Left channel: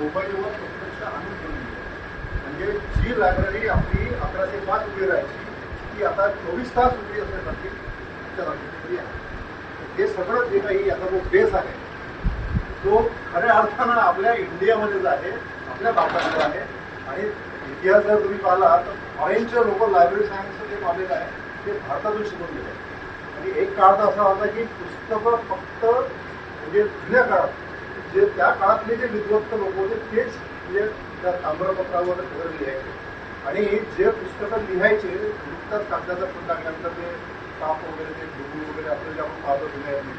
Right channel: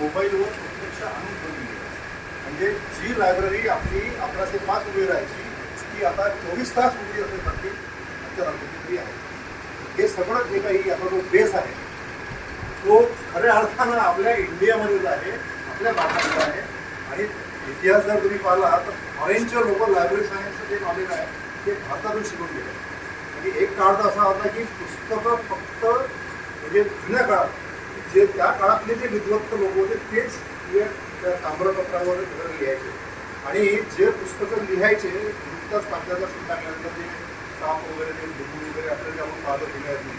मोबाईलवर प्रत्यक्ष आणून ठेवली आहे. म्हणजे जी लायब्ररी आपली 1105 उभी राहायची ती आता 24 तास उभी असण्यासाठी तरी आहे. हे सगळं जे काही आता जो बेस आहे तो खऱ्या अर्थानं आपल्या इंडियामध्येच आहे, आपल्या भारतामध्ये आहे. आणि इतिहास जर तुम्ही पाहिला तर फॉरेनचे लोक लायब्ररी सायन्सचं जे नॉलेज आहे ते भारतातून शिकून गेले. आणि एक काळ तर असा होता की पुस्तकं फक्त म्हणजे जुन्या काळात जे त्या काळातले जे विद्वत्त लोक होते तेच म्हणजे त्या ताम्रपत्रावर लिहायचे. आणि जे पुस्तकं लिहायचे नुकताच कागदाचा शोध लागल्यानंतर ते साप वगैरे ते डुबू वगैरे आपलं जे आपण पाहतो लिहायचे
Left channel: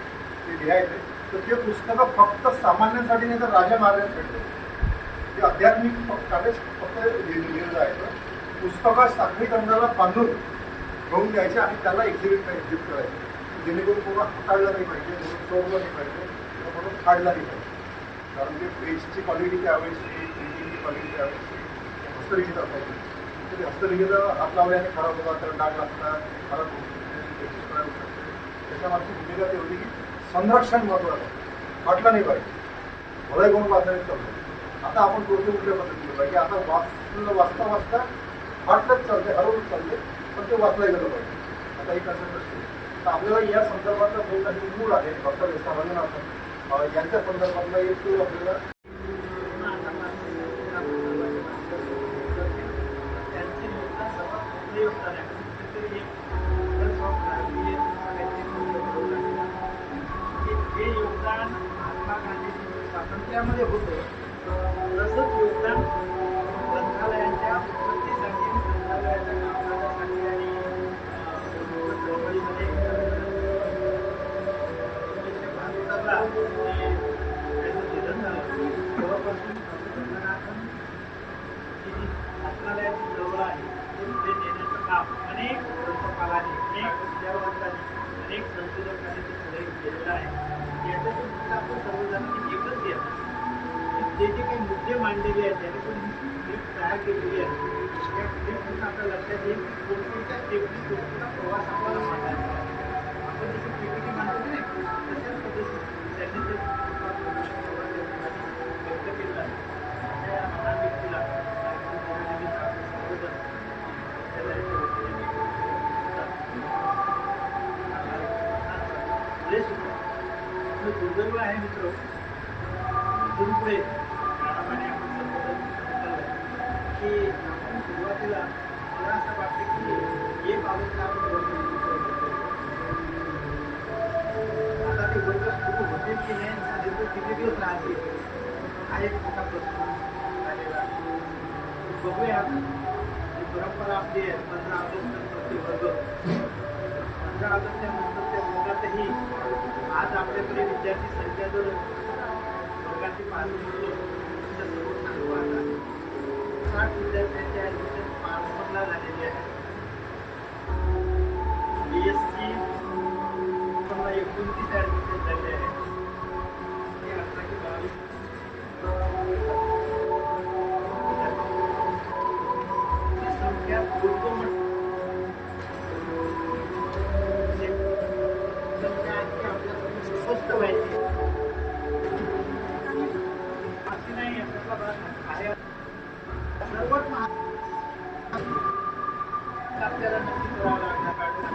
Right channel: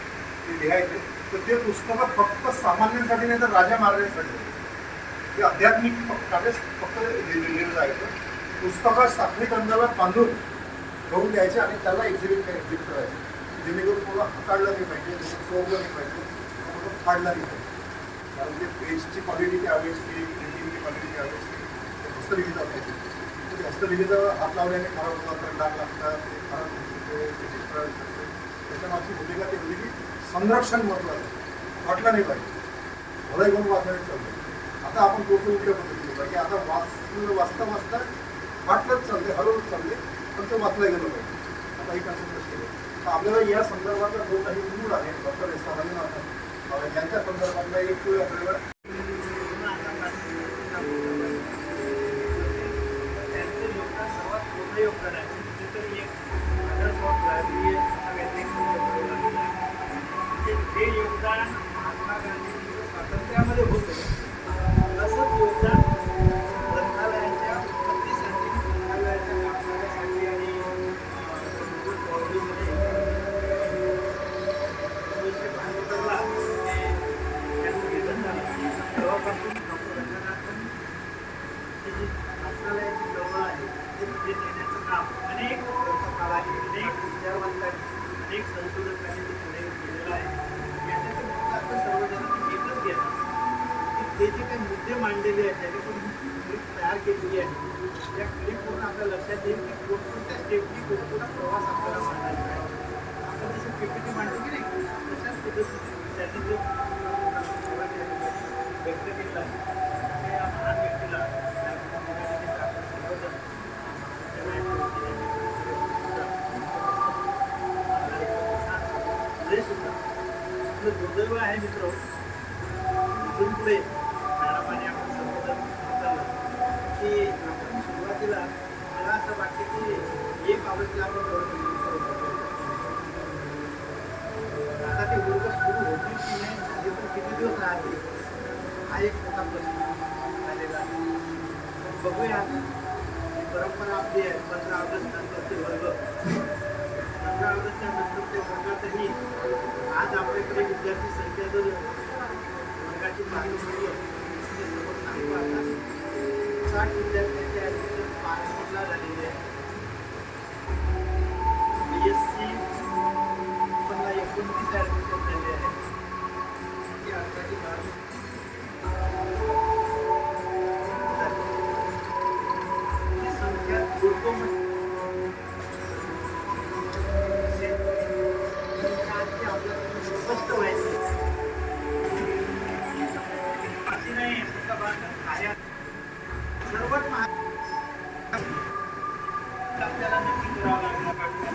ते लिहायचे. तर ते पुस्तकं फक्त सामान्यांसाठी नाही तर राजा महाराजांसाठी ते आध्यात्मिक कार्य फक्त लिहिलं जायचं. पुस्तकात साखळी कंदाला बांधून ठेवून द्यायचे आणि त्याला एक्झिबिट करायचे जेणेकरून कोणा हाताळलं नाही पाहिजे, चोरलं नाही पाहिजे, म्हणून फाडलं नाही पाहिजे. कारण ते पेजची क्वालिटी त्यावेळेसची, प्रिंटिंगची क्वालिटी त्यावेळेसची हस्तलिखित असायची. तर ते हस्तलिखित हात लावल्याने खराब होतात, तर डाग लागतात, ते खराब होते, पेजेस खराब होतात. त्याच्यामागची भूमिका ते होती की संरक्षण महत्त्वाचं आहे, फाटलं नाही पाहिजे. भलाही कोण वाचण्याने चालतं. आता आपण थोडंसं उलट्या पद्धतीने पाहिजे. आता वाचता वाचता फाटलंच चालते, हरवलंच चालते, पण ते वाचलं गेलं पाहिजे. आता ही कन्सेप्ट असते. तर आपल्याला या संदर्भातला जो काही मूड आहे डॉक्टर एस आर रंगनाथन यांच्या संदर्भातला एक आपल्याला हे योगदान महात्मा गांधींच्या स्वातंत्र्यामध्ये होतं. तसंच योगदान ग्रंथालयाच्या उत्पत्तीसाठी, ग्रंथालयाच्या कामकाजासाठी आणि चळवळीमध्ये 1972ला त्यांचं निधन झालं. तेव्हापासून डॉक्टर रंगनाथन ही जी वाचनालयाची चळवळ आहे ते पुढे नेण्याचं काम अनेक ग्रंथपालांनी, अनेक विचारवंतांनी, अनेक संशोधकांनी ते पुढे केलेलं आहे. याच्यातून फक्त आपण सर्वजणांनी एकच घ्या की ते जे काही मुद्दे मांडलेले आहेत त्याने पण क्लिप तयार केलेली आहे. त्या क्लिपवरून आपल्या लक्षात येईल की कोणकोणत्या स्टेपनी कोणकोणता प्रवास आपल्याला मांडायचा आहे. आपण जसं पीपीटी मांडतो की नाही तशाच पद्धतीने त्यांनी ते व्यक्त केलेलं आहे. अशा या महान व्यक्तीला दिनानिमित्त आपण सर्वजण दुर्दैव आहे मित्र. इथून पुढे मॅडमाने आपण संबोधन सांगितलं की आपण सुरुवातीला मला असं वाटतं की एक बाबतला आपण आता ते वर्ग सुरू होतील की नाही, झाले तर किती दिवस राहतील हा एक मोठा प्रश्न आलेला. बघूया ही परंपरा आपली आहे. 15 ऑगस्ट नंतरचे वर्ग, 15 ऑगस्टच्या नंतरच्या वर्गातही आज आपल्याकडे विद्यार्थी संख्या जर वर्गाची पाहणी केली तर समोर सांगतो आता 60 विद्यार्थ्यांची ॲडमिशन पासपोर्टला झालेली आहे. BSc 29 ॲडमिशन झाले आहे. ते 18 की 22 ही संख्या बोलतो म्हणजे सर्वात आपल्याला नक्की करावं लागलं पाहिजे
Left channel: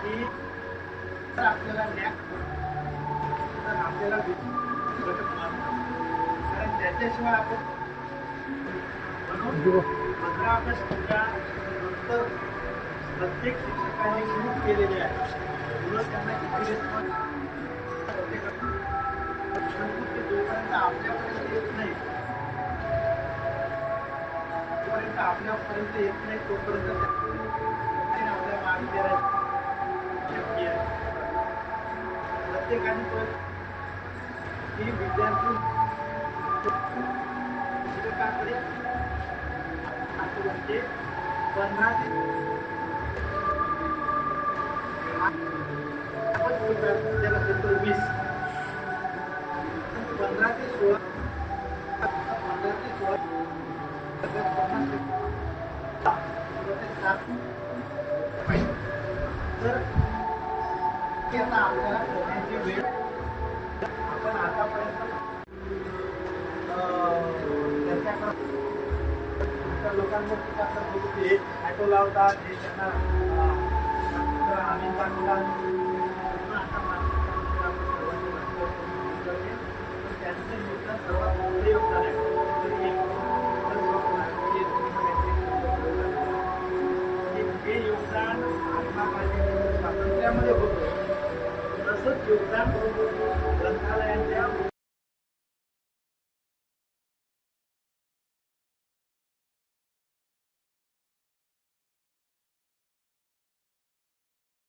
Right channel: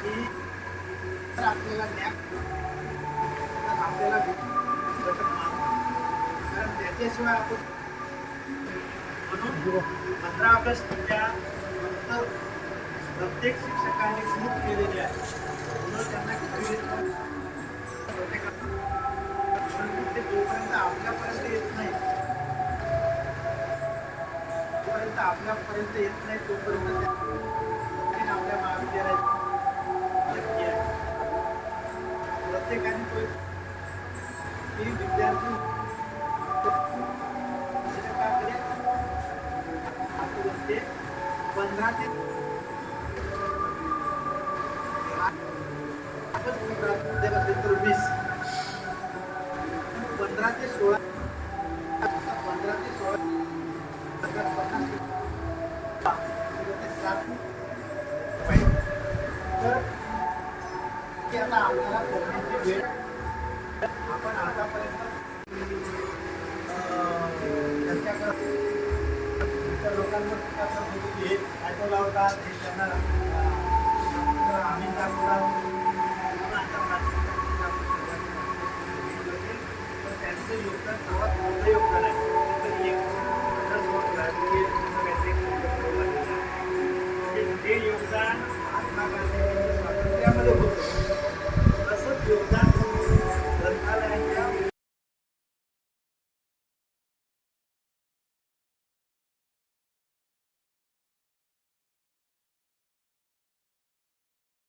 की जर आपल्याला न्याय तर आपल्याला घटक मानतो. कारण त्याच्याशिवाय आपण म्हणून 15 ऑगस्टच्या नंतर प्रत्येक शिक्षकांनी खूप केलेले आहे. म्हणून त्यांना किती रिस्पॉन्स ते जोपर्यंत आपल्यापर्यंत येत नाही तोपर्यंत आपल्या महाविद्यालयात प्रत्येकाने तो की विद्यार्थी शिक्षकाकडे म्हणजे 15 ते 20 15 ते 16 तर की आता आपल्याला करण्याची वेळ आपण आतापर्यंत त्या लोकांवर टीका करत होते की हे ॲटो लावतात, हे त्यांना आम्ही टाकतात. पण आता मानसिकता आपण सर्वांनी मानतो. तर त्यांचं योगदान सर्वात मोठं योगदान आहे. तरी एक राजकीय काहीतरी हे योगदान महात्मा गांधी स्वातंत्र्यामध्ये होतं. तसंच योगदान